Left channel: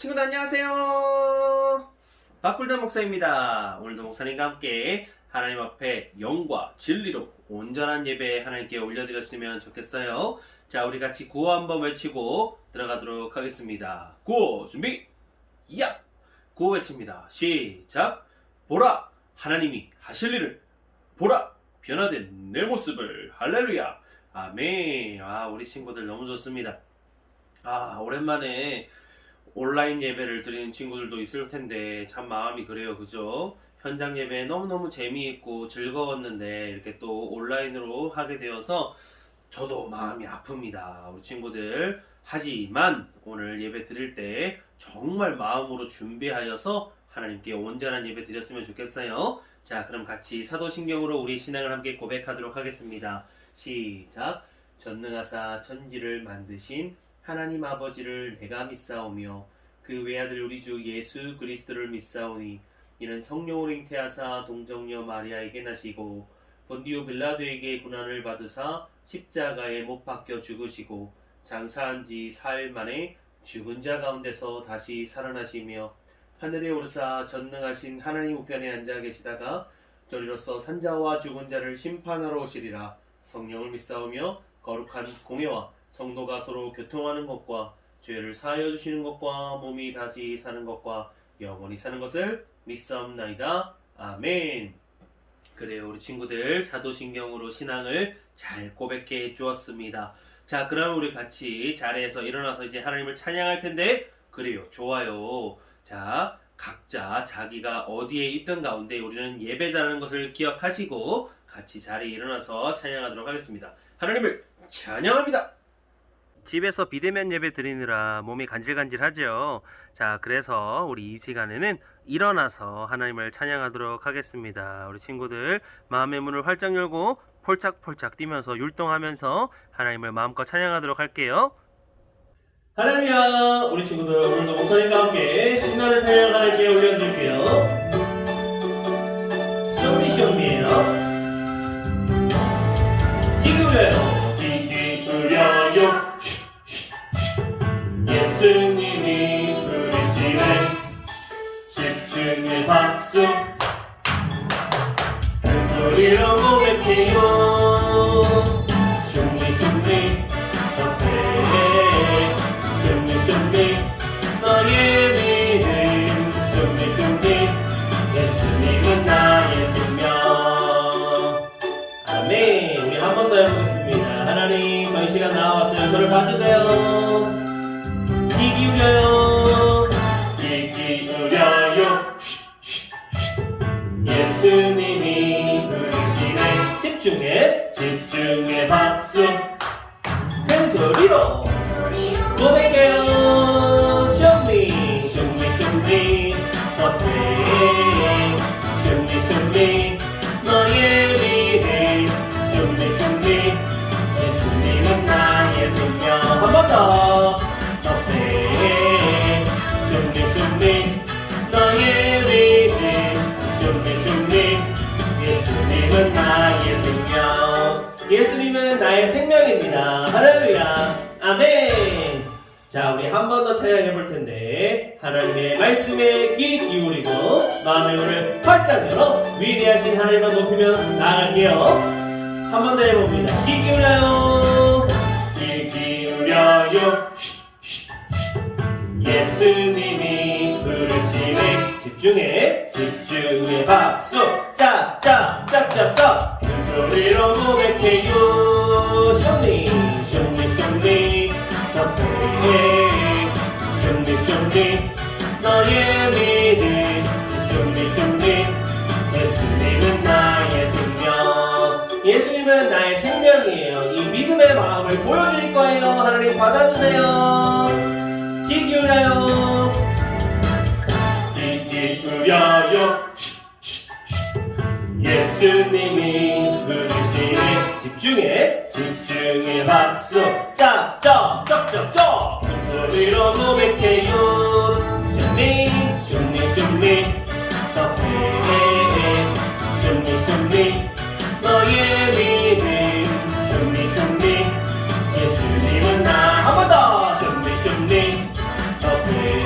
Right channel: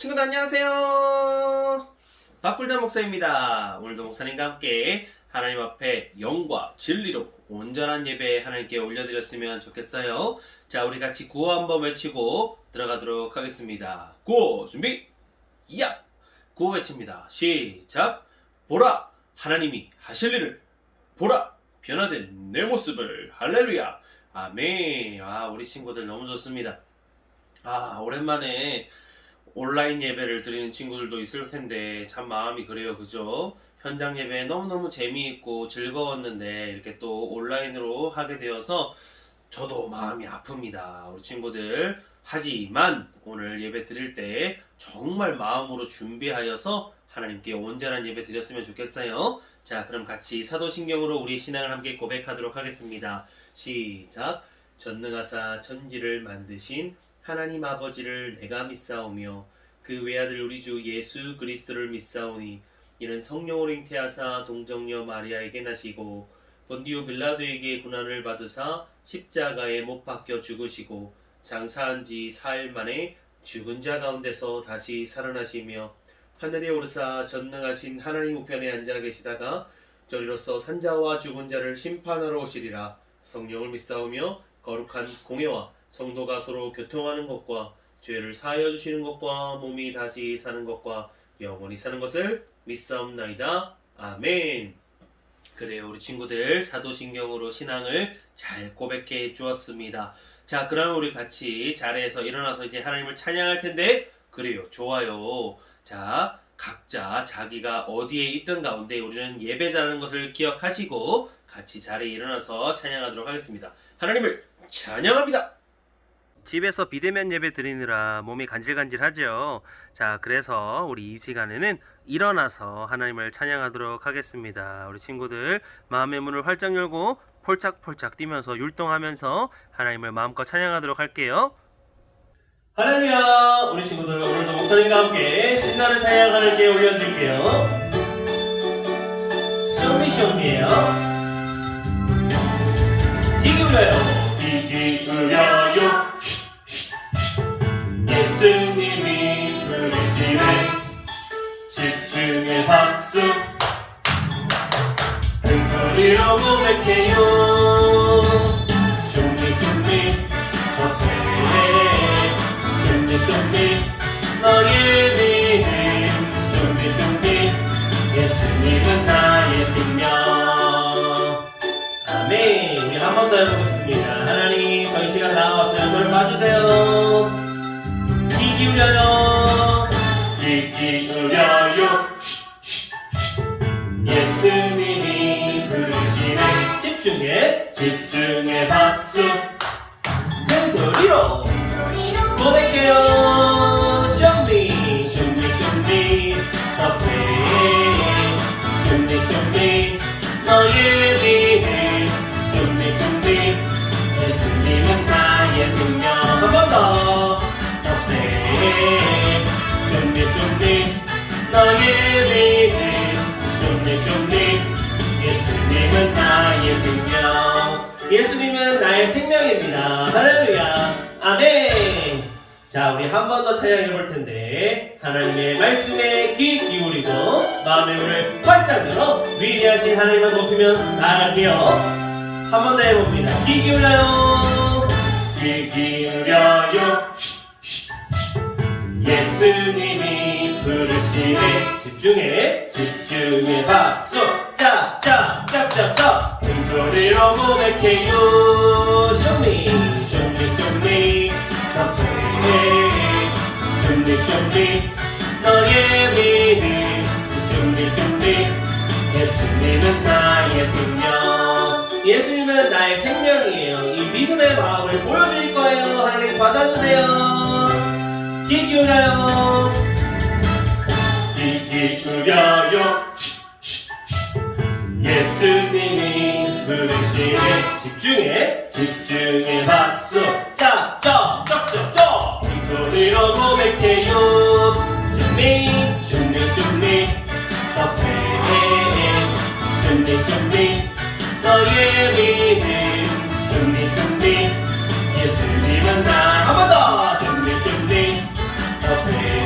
친구들 안녕하세요. 박굴단 목사입니다. 오늘도 목사님과 함께 하나님 앞에 영과 진리로 온전한 예배 하나님께 올려드렸으면 좋겠어요. 자, 우리 같이 구호 한번 외치고 들어가도록 하겠습니다. 구호 준비 야! 구호 외칩니다. 시작. 보라, 하나님이 하실 일을. 보라, 변화된 내 모습을. 할렐루야. 아멘. 우리 친구들 너무 좋습니다. 오랜만에 온라인 예배를 드리는 친구들도 있을 텐데 참 마음이 그래요, 그죠? 현장 예배 너무너무 재미있고 즐거웠는데 이렇게 또 온라인으로 하게 되어서 저도 마음이 아픕니다, 우리 친구들. 하지만 오늘 예배 드릴 때 정말 마음으로 준비하여서 하나님께 온전한 예배 드렸으면 좋겠어요. 자, 그럼 같이 사도신경으로 우리 신앙을 함께 고백하도록 하겠습니다. 시작. 전능하사 천지를 만드신 하나님 아버지를 내가 믿사오며 그 외아들 우리 주 예수 그리스도를 믿사오니 이는 성령으로 잉태하사 동정녀 마리아에게 나시고 본디오 빌라도에게 고난을 받으사 십자가에 못 박혀 죽으시고 장사한 지 사일 만에 죽은 자 가운데서 다시 살아나시며 하늘에 오르사 전능하신 하나님 우편에 앉아 계시다가 저리로서 산자와 죽은 자를 심판하러 오시리라. 성령을 믿사오며 거룩한 공예와 성도가 서로 교통하는 것과 죄를 사하여 주시는 것과 몸이 다시 사는 것과 영원히 사는 것을 믿사옵나이다. 아멘. 그래요, 우리 친구들 사도신경으로 신앙을 잘 고백해 주었습니다. 자, 그럼 우리 같이 자리에서 일어나서 이제 하나님을 찬양할 텐데, 그래요, 좋아요. 자, 각자 자기가 어디에 있던 가운데 우리는 예배자라는 것을 기억하시고 같이 자리에 일어나서 찬양하도록 하겠습니다. 하나님을 찬양합니다. 집에서 비대면 예배 드리느라 몸이 간질간질하죠. 자, 그래서 우리 이 시간에는 일어나서 하나님을 찬양하도록 하겠습니다. 우리 친구들 마음의 문을 활짝 열고 폴짝폴짝 뛰면서 율동하면서 하나님을 마음껏 찬양하도록 할게요. 할렐루야. 우리 친구들 오늘도 목사님과 함께 신나는 찬양 하나님께 올려드릴게요. 쇼미쇼미예요. 기울여요. 기울여요. 예수님이 부르시네. 집중의 박수 큰 소리로 고백해요. 준비 너의 준비 너의 믿음 준비 예수님은 나의 생명. 아멘. 우리 한 번 더 해보겠습니다. 하나님, 저희 시간 나와봤어요. 저를 봐주세요. 귀 기울여요. 귀 기울여요. 예수님이 부르시네. 집중해 박수 큰 소리로 고백해요. 쇼미 더 페이 쇼미 너의 믿음 쇼미 예수님은 나의 생명. 한 번 더. 더 페이 쇼미 너의 믿음 쇼미 예수님은 나의 생명. 예수님은 나의 생명입니다. 할렐루야. 아멘. 자, 우리 한 번 더 찬양해 볼 텐데 하나님의 말씀에 귀 기울이고 마음의 문을 활짝 열어 위대하신 하나님을 높이며 나아갈게요. 한 번 더 해봅니다. 귀 기울여요. 귀 기울여요. 예수님이 부르시네. 집중해 박수 짝짝짝짝짝 큰 소리로 고백해요. 쇼미 더 페이 쇼미 너의 믿음 쇼미 예수님은 나의 생명. 예수님은 나의 생명이에요. 이 믿음의 마음을 보여드릴 거예요. 하나님 받아주세요. 귀 기울여요. 귀 기울여요. 예수님이 부르시네. 집중해 박수 짝짝짝짝짝 큰 소리로 고백해요. 쇼미 더 페이 쇼미 너의 믿음 쇼미 예수님은 나. 한 번 더. 쇼미 더 페이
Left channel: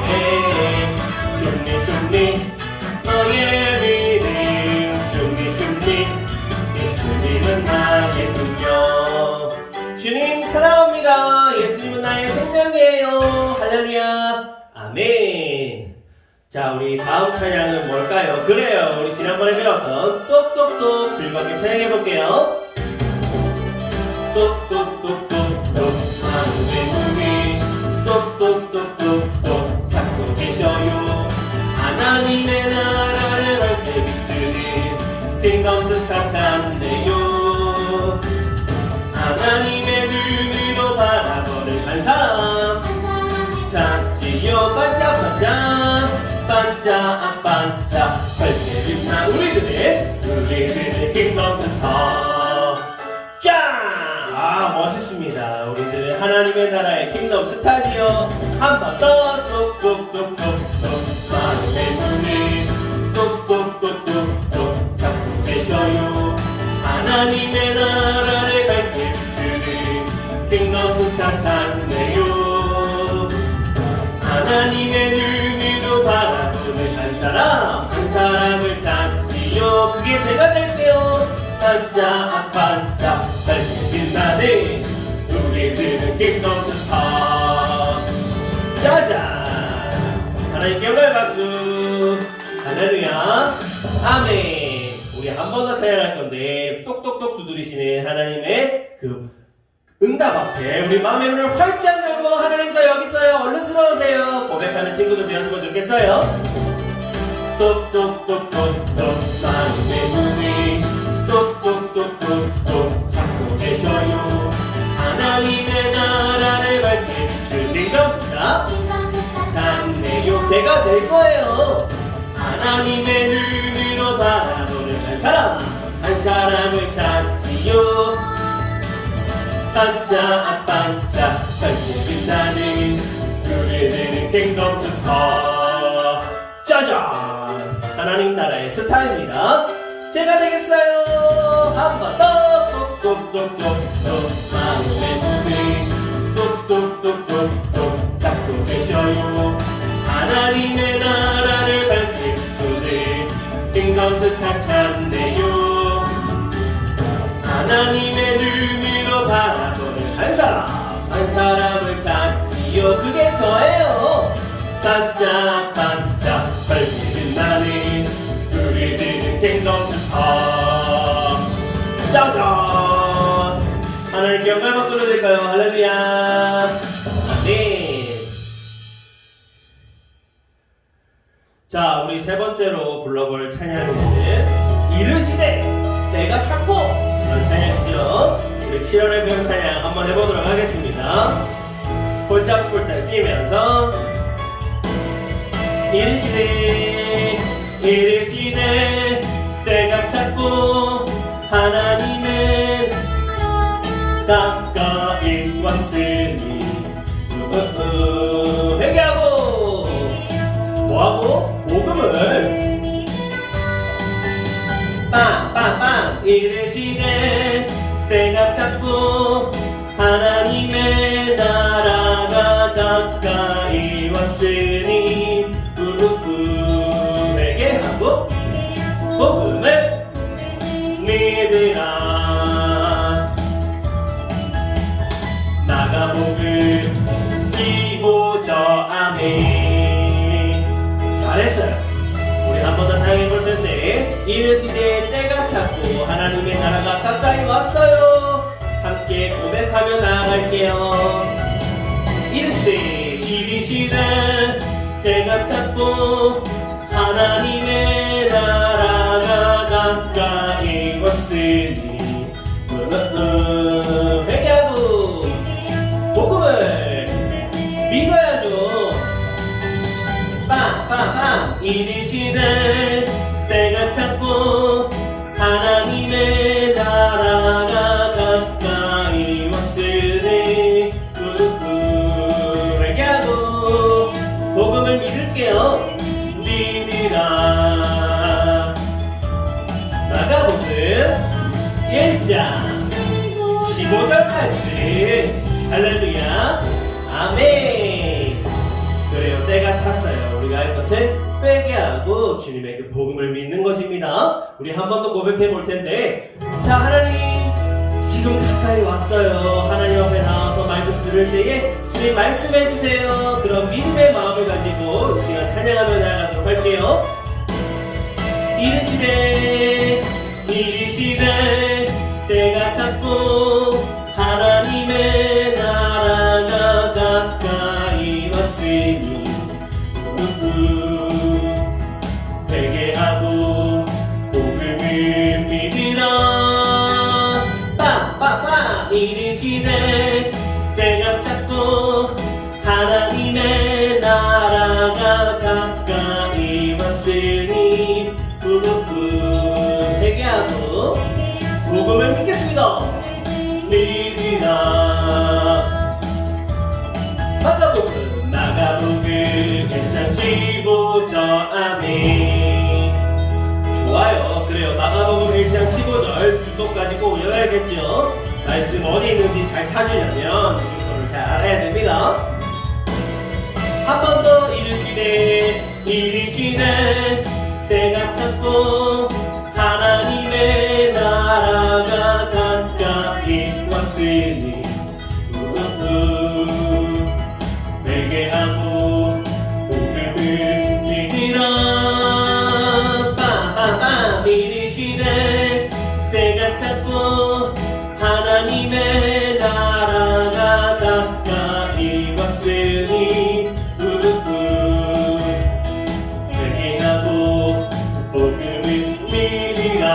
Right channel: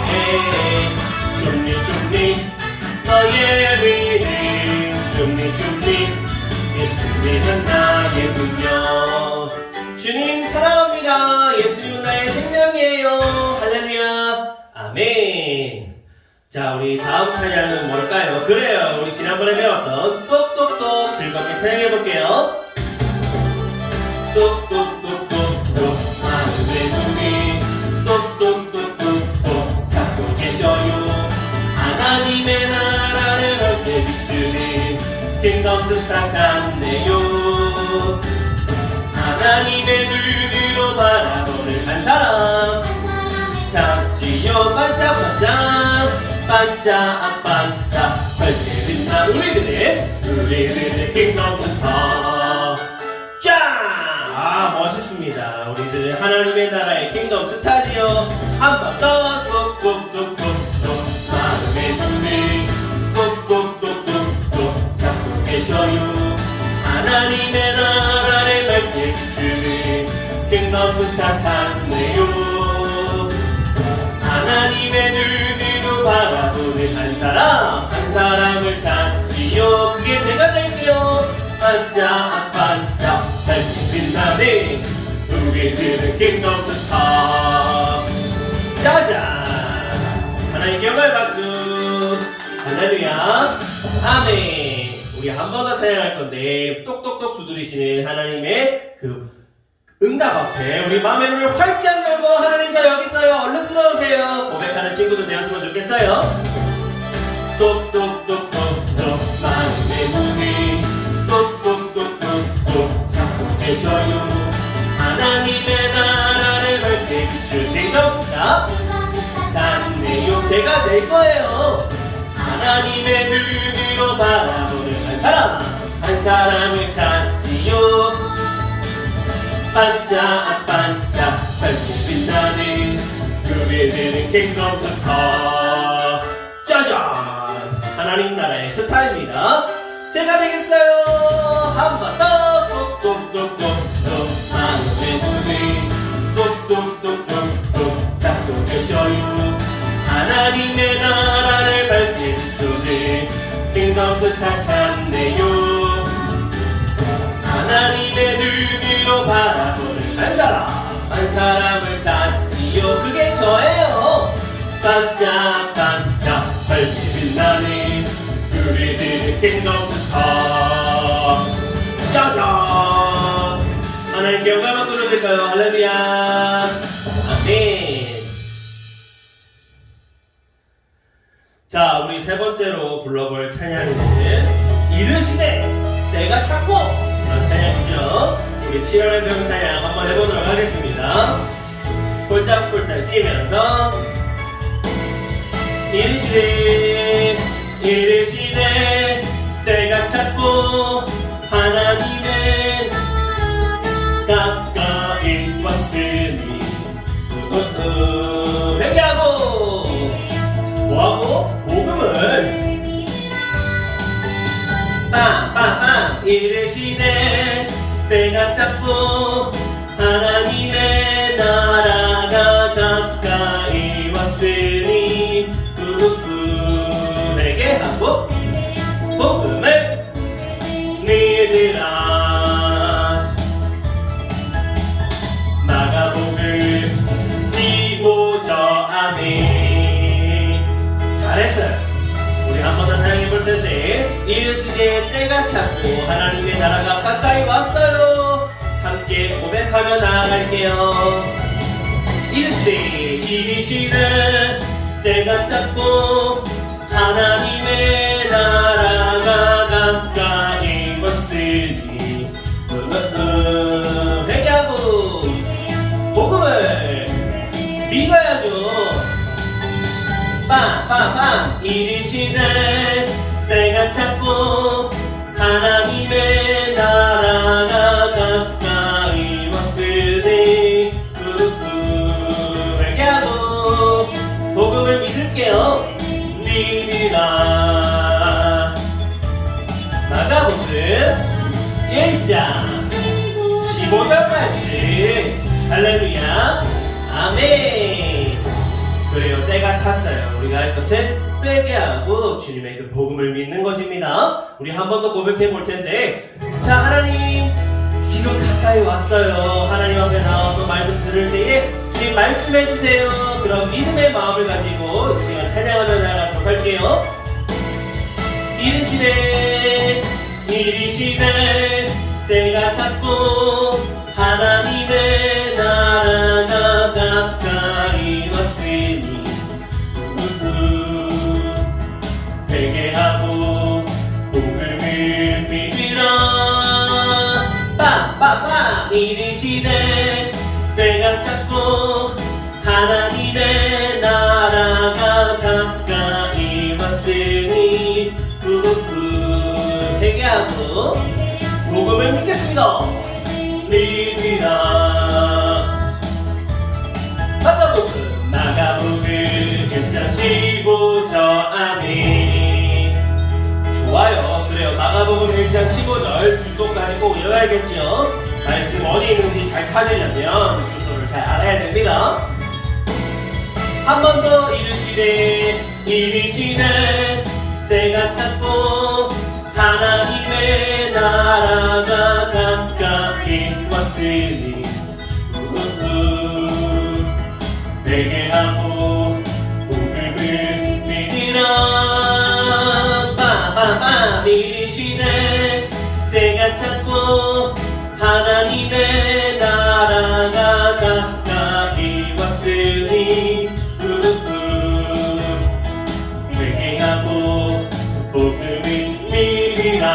자, 우리 다음 찬양은 뭘까요? 그래요, 우리 지난번에 배웠던 똑똑똑 즐겁게 찬양해볼게요. 똑똑똑똑똑 하늘의 문이 똑똑똑똑똑 찾고 계셔요. 하나님의 나라를 밝게 비추는 킹덤스타 찾네요. 하나님의 눈으로 바라보는 한 사람 찾지요. 반짝반짝 반짝반짝 밝게 빛나 우리들의 킹덤스타. 짠! 멋있습니다. 우리들은 하나님의 나라의 킹덤스타지요. 한 번 더 똑똑똑똑똑 마음의 눈을 똑똑똑똑똑 찾고 계셔요. 하나님의 나라를 밝게 비추는 킹덤스타 찾네요. 하나님의 눈으로 바라보는 한 사람을 찾지요. 그게 제가 될게요. 반짝반짝 밝게 빛나는 우리들은 킹덤스타. 짜잔! 하나님께 영광의 박수. 할렐루야. 아멘. 우리 한 번 더 사용할 건데 똑똑똑 두드리시는 하나님의 그 응답 앞에 우리 마음의 문을 활짝 열고 하나님 저 여기 있어요. 얼른 들어오세요. 고백하는 친구들 되었으면 좋겠어요. 똑똑똑똑똑 마음의 문을 똑똑똑똑똑 찾고 계셔요. 하나님의 나라를 밝게 비추는 킹덤스타 찾네요. 제가 될 거예요. 하나님의 눈으로 바라보는 한 사람을 찾지요. 반짝반짝 밝게 빛나는 우리들은 킹덤스타. 짜잔! 하나님 나라의 스타입니다. 제가 되겠어요. 한 번 더 똑똑똑똑똑 하늘의 문을 똑똑똑똑똑 찾고 계셔요. 하나님의 나라를 밝게 비추는 킹덤스타 찾네요. 하나님의 눈으로 바라보는 한 사람을 찾지요. 그게 저예요. 반짝반짝 밝게 빛나는 우리들은 킹덤스타. 짜잔! 하나님께 영광 박수 드릴까요? 할렐루야. 아멘. 자, 우리 세 번째로 불러볼 찬양은 이르시되 내가 찾고 그런 찬양이죠. 우리 7월의 병 찬양 한번 해보도록 하겠습니다. 폴짝폴짝 뛰면서 이르시되 내가 찾고 하나님의 가까이 왔으니 회개하고 뭐하고? 복음을 빵빵빵 이르시되 내가 찾고 하나님의 나라가 가까이 왔으니 회개하고 복음을 믿으라. 마가복음 15절 아멘. 잘했어요. 우리 한 번 더 사용해 볼 텐데 이르시되 때가 찼고 하나님의 나라가 가까이 왔어요. 함께 고백하며 나아갈게요. 이르시되 때가 찼고 하나님의 나라가 가까이 왔으니 회개하고 복음을 믿어야죠. 빵빵빵 이르시되 때가 찼고 하나님의 나라가 가까이 왔으니 회개하고 복음을 믿을게요. 믿으라. 마가복음 1장 15절 말씀. 할렐루야. 아멘. 그래요, 때가 찼어요. 우리가 할 것은 회개하고 주님의 그 복음을 믿는 것입니다. 우리 한 번 더 고백해 볼 텐데, 자, 하나님 지금 가까이 왔어요. 하나님 앞에 나와서 말씀 들을 때에 주님 말씀해 주세요. 그럼 믿음의 마음을 가지고 이 시간 찬양하며 나아가도록 할게요. 이르시되 때가 찼고 하나님의 나라가 가까이 왔으니 회개하고 복음을 믿으라. 빰빰빰. 이르시되 때가 찼고 하나님의 나라가 가까이 왔으니 회개하고 복음을 믿겠습니다. 믿으라. 마가복음 1장 15절. 아멘. 좋아요. 그래요. 마가복음 1장 15절 주소까지 꼭 외워야겠죠. 말씀 어디 있는지 잘 찾으려면 주소를 잘 알아야 됩니다. 한 번 더. 이르시되 때가 찼고 하나님의 나라가 가까이 왔으니 회개하고 복음을 믿으라. 빠빠빠. 이르시되 때가 찼고 하나님의 나라가 가까이 왔으니 회개하고 복음을 믿으라.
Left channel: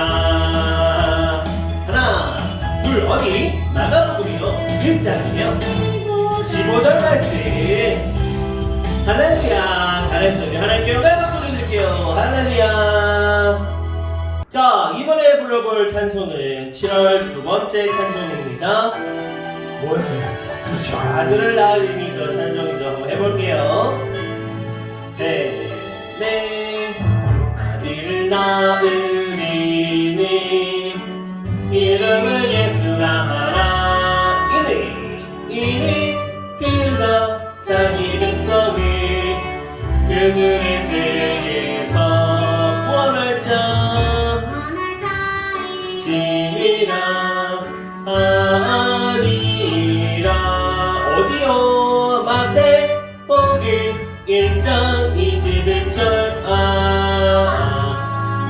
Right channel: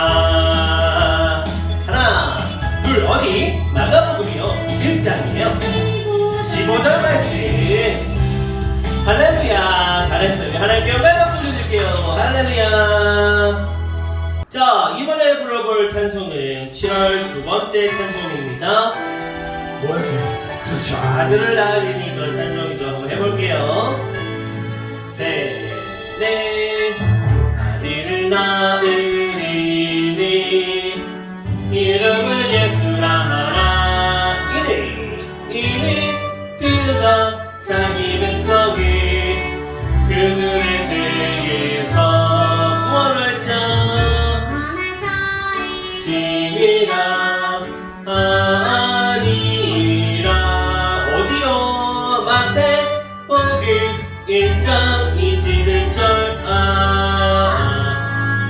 하나 둘. 어디? 마가복음이요 1장이요 15절 말씀. 할렐루야. 잘했어요. 하나님께 영광 박수 드릴게요. 할렐루야. 자, 이번에 불러볼 찬송은 7월 두 번째 찬송입니다. 뭐였어요? 그렇죠. 아들을 낳으리니 그 찬송이죠. 한번 해볼게요. 셋, 넷. 아들을 낳으리니 이름을 예수라 하라. 이는 그가 자기 백성을 그들의 죄에서 구원할 자 이시니라 아니라. 어디요? 마태복음 1장 21절. 아멘.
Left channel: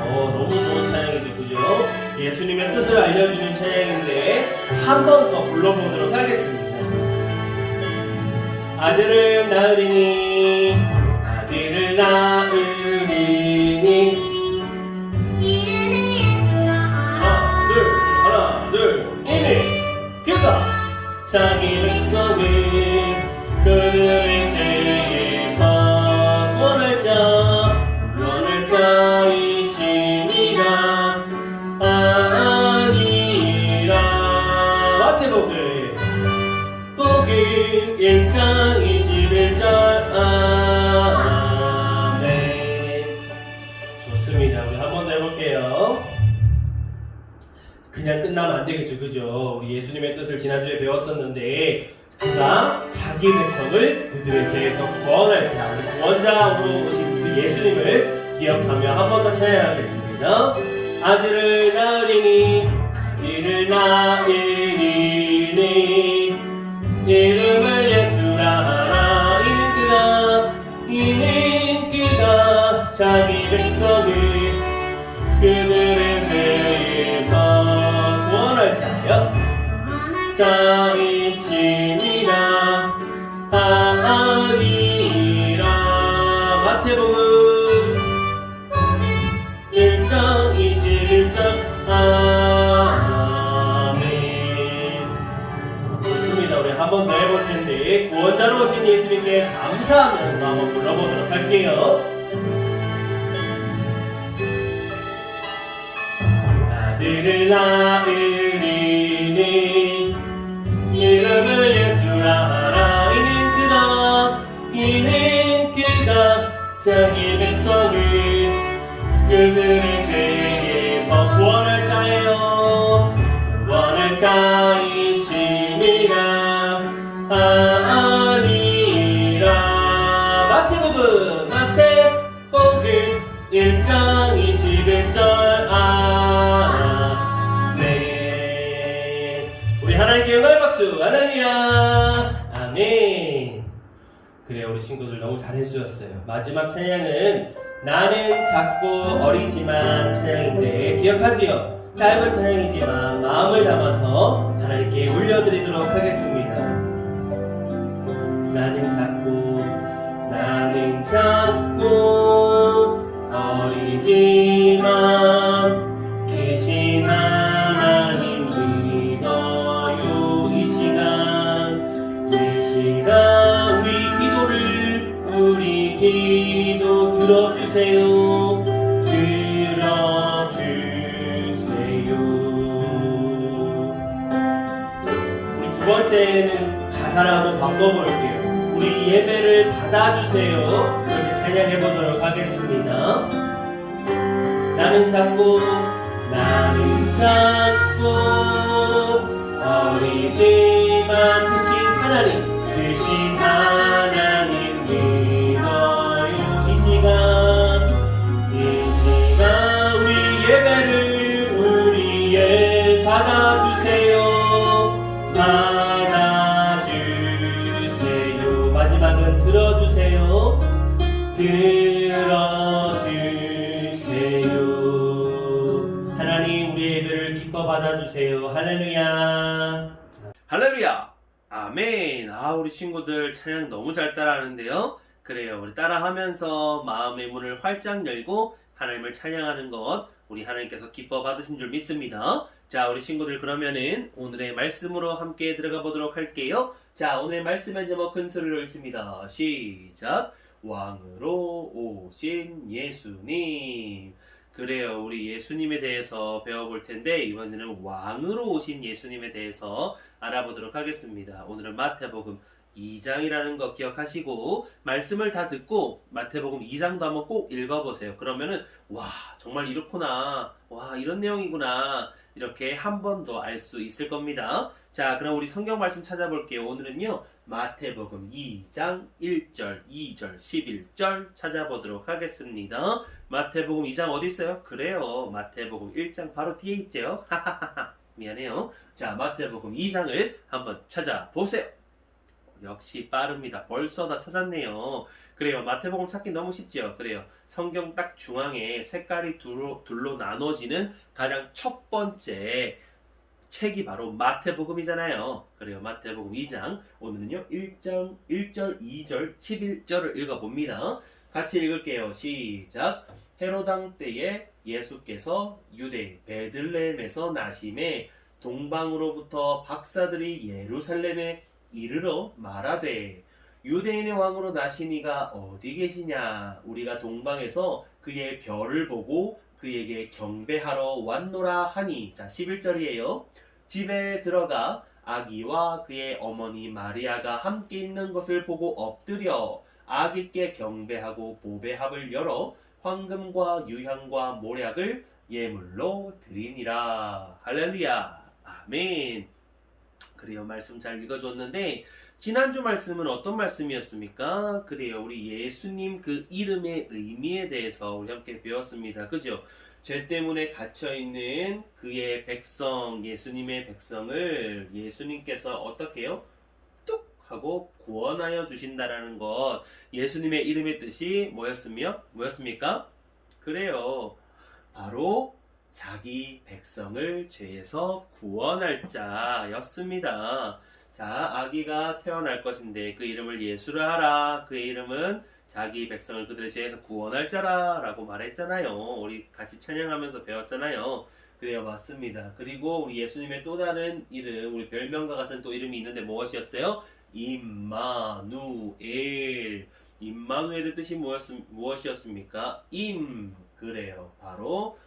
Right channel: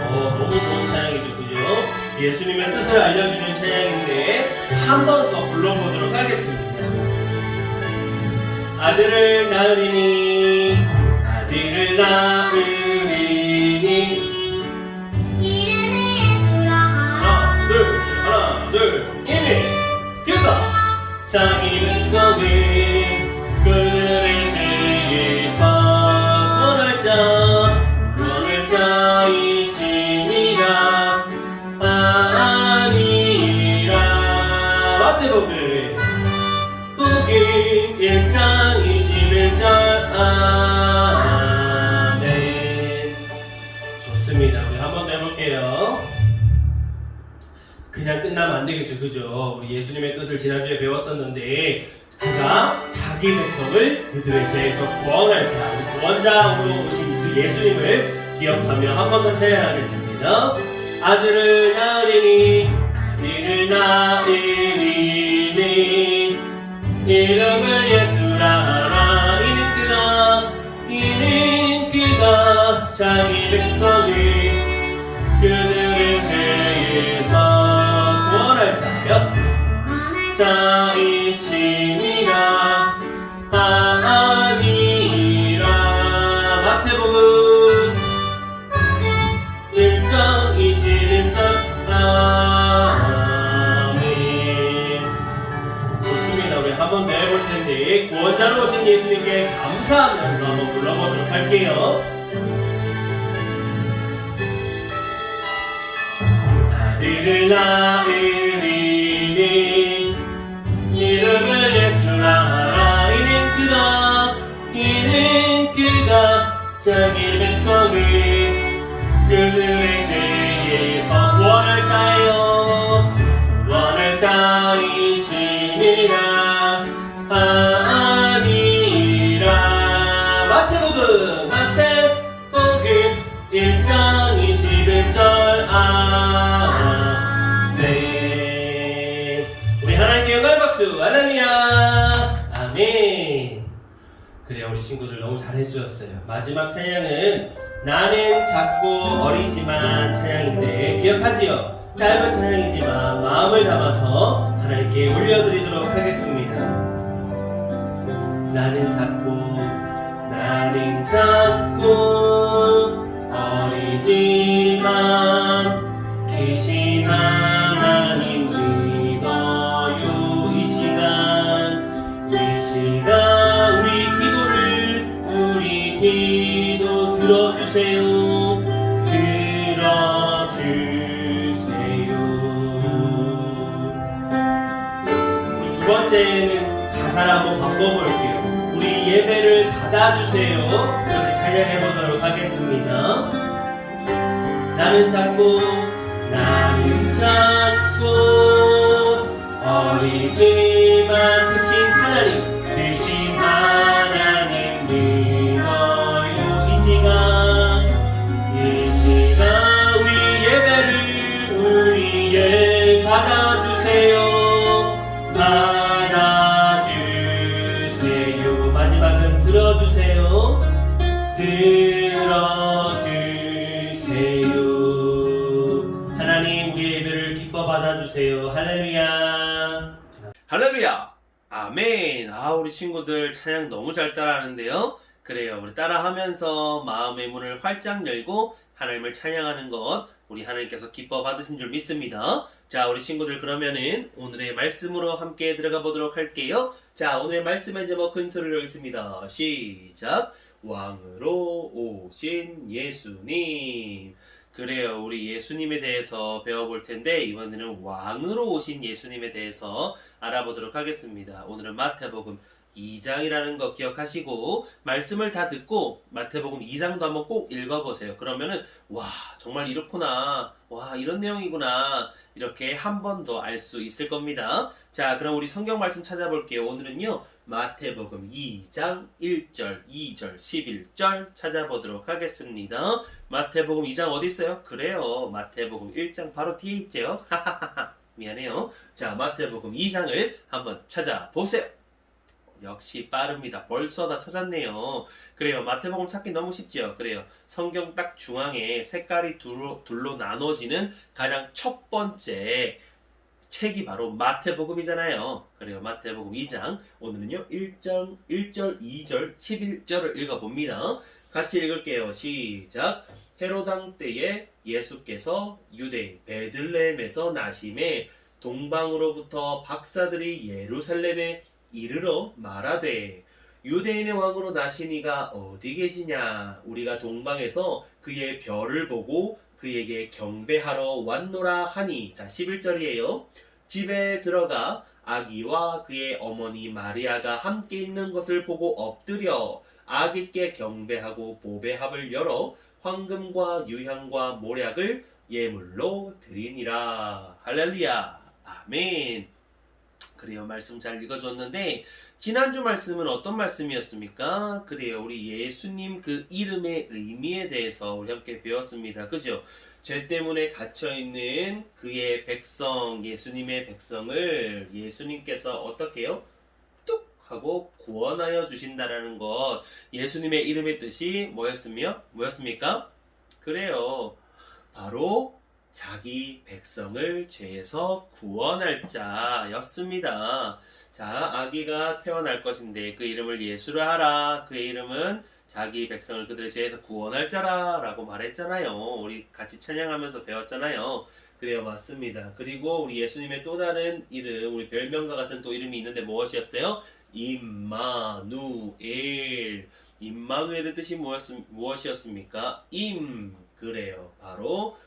너무 좋은 찬양이죠, 그죠? 예수님의 뜻을 알려주는 찬양인데 한 번 더 불러보도록 하겠습니다. 아들을 낳으리니 아들을 낳으리니 하나 둘. 이는 그가 자기 백성을 그들의 죄에서 구원할 자이시니라 아니라. 마태복음 1장 21절. 아멘. 좋습니다. 우리 한 번 더 해볼게요. 그냥 끝나면 안 되겠죠, 그죠? 우리 예수님의 뜻을 지난주에 배웠었는데 그가 자기 백성을 그들의 죄에서 구원할 자, 우리 구원자로 오신 그 예수님을 기억하며 한 번 더 찬양하겠습니다. 아들을 낳으리니 이름을 예수라 하라. 이는 그가 자기 백성을 그들의 죄에서 구원할 자이시니라 아니라. 마태복음 1장 21절. 아멘. 좋습니다. 우리 한 번 더 해볼 텐데 구원자로 오신 예수님께 감사하면서 한번 불러보도록 할게요. 아들을 낳으리니 이름을 예수라 하라. 이는 그가 자기 백성을 그들의 죄에서 구원할 자예요. 구원할 자이시니라 아니라. 마태복음 1장 21절. 아멘. 우리 하나님께 영광의 박수. 할렐루야. 아멘. 그래요, 우리 친구들 너무 잘해주셨어요. 마지막 찬양은 나는 작고 어리지만 찬양인데 기억하지요? 짧은 찬양이지만 마음을 담아서 하나님께 올려드리도록 하겠습니다. 나는 작고 어리지만 계신 하나님 믿어요. 이 시간 우리 기도 들어주세요. 우리 두 번째는 가사를 한번 바꿔볼게요. 우리 예배를 받아주세요. 그렇게 찬양해보도록 하겠습니다. 나는 작고 어리지만 크신 하나님 믿어요. 이 시간 우리 예 받아주세요. 마지막은 들어주세요. 하나님 우리 예배를 기뻐 받아주세요. 할렐루야. 할렐루야. 아멘. 우리 친구들 찬양 너무 잘 따라하는데요. 그래요, 우리 따라하면서 마음의 문을 활짝 열고 하나님을 찬양하는 것 우리 하나님께서 기뻐 받으신 줄 믿습니다. 자, 우리 친구들 그러면은 오늘의 말씀으로 함께 들어가 보도록 할게요. 자, 오늘의 말씀의 제목 큰 소리로 읽습니다. 시작. 왕으로 오신 예수님. 그래요, 우리 예수님에 대해서 배워볼 텐데 이번에는 왕으로 오신 예수님에 대해서 알아보도록 하겠습니다. 오늘은 마태복음 2장이라는 거 기억하시고 말씀을 다 듣고 마태복음 2장도 한번 꼭 읽어보세요. 그러면은 와, 정말 이렇구나, 와, 이런 내용이구나, 이렇게 한 번 더 알 수 있을 겁니다. 자, 그럼 우리 성경 말씀 찾아볼게요. 오늘은요 마태복음 2장 1절, 2절, 11절 찾아보도록 하겠습니다. 마태복음 2장 어디 있어요? 그래요, 마태복음 1장 바로 뒤에 있죠. 미안해요. 자, 마태복음 2장을 한번 찾아보세요. 역시 빠릅니다. 벌써 다 찾았네요. 그래요, 마태복음 찾기 너무 쉽죠. 그래요, 성경 딱 중앙에 색깔이 둘로 나눠지는 가장 첫 번째 책이 바로 마태복음이잖아요. 그래요, 마태복음 2장 오늘은요 1절, 2절, 11절을 읽어봅니다. 같이 읽을게요. 시작. 헤롯 왕 때에 예수께서 유대 베들레헴에서 나심에 동방으로부터 박사들이 예루살렘에 이르러 말하되 유대인의 왕으로 나신 이가 어디 계시냐? 우리가 동방에서 그의 별을 보고 그에게 경배하러 왔노라 하니. 자, 11절이에요. 집에 들어가 아기와 그의 어머니 마리아가 함께 있는 것을 보고 엎드려 아기께 경배하고 보배합을 열어 황금과 유향과 모략을 예물로 드리니라. 할렐루야. 아멘. 그래요, 말씀 잘 읽어줬는데 지난주 말씀은 어떤 말씀이었습니까? 그래요, 우리 예수님 그 이름의 의미에 대해서 우리 함께 배웠습니다. 그죠? 죄 때문에 갇혀있는 그의 백성, 예수님의 백성을 예수님께서 어떻게 해요? 뚝 하고 구원하여 주신다라는 것, 예수님의 이름의 뜻이 뭐였습니까? 그래요, 바로 자기 백성을 죄에서 구원할 자였습니다. 자, 아기가 태어날 것인데 그 이름을 예수라 하라. 그의 이름은 자기 백성을 그들의 죄에서 구원할 자라 라고 말했잖아요. 우리 같이 찬양하면서 배웠잖아요. 그래요, 맞습니다. 그리고 우리 예수님의 또 다른 이름, 우리 별명과 같은 또 이름이 있는데 무엇이었어요? 임마누엘. 임마누엘의 뜻이 무엇이었습니까? 그래요, 바로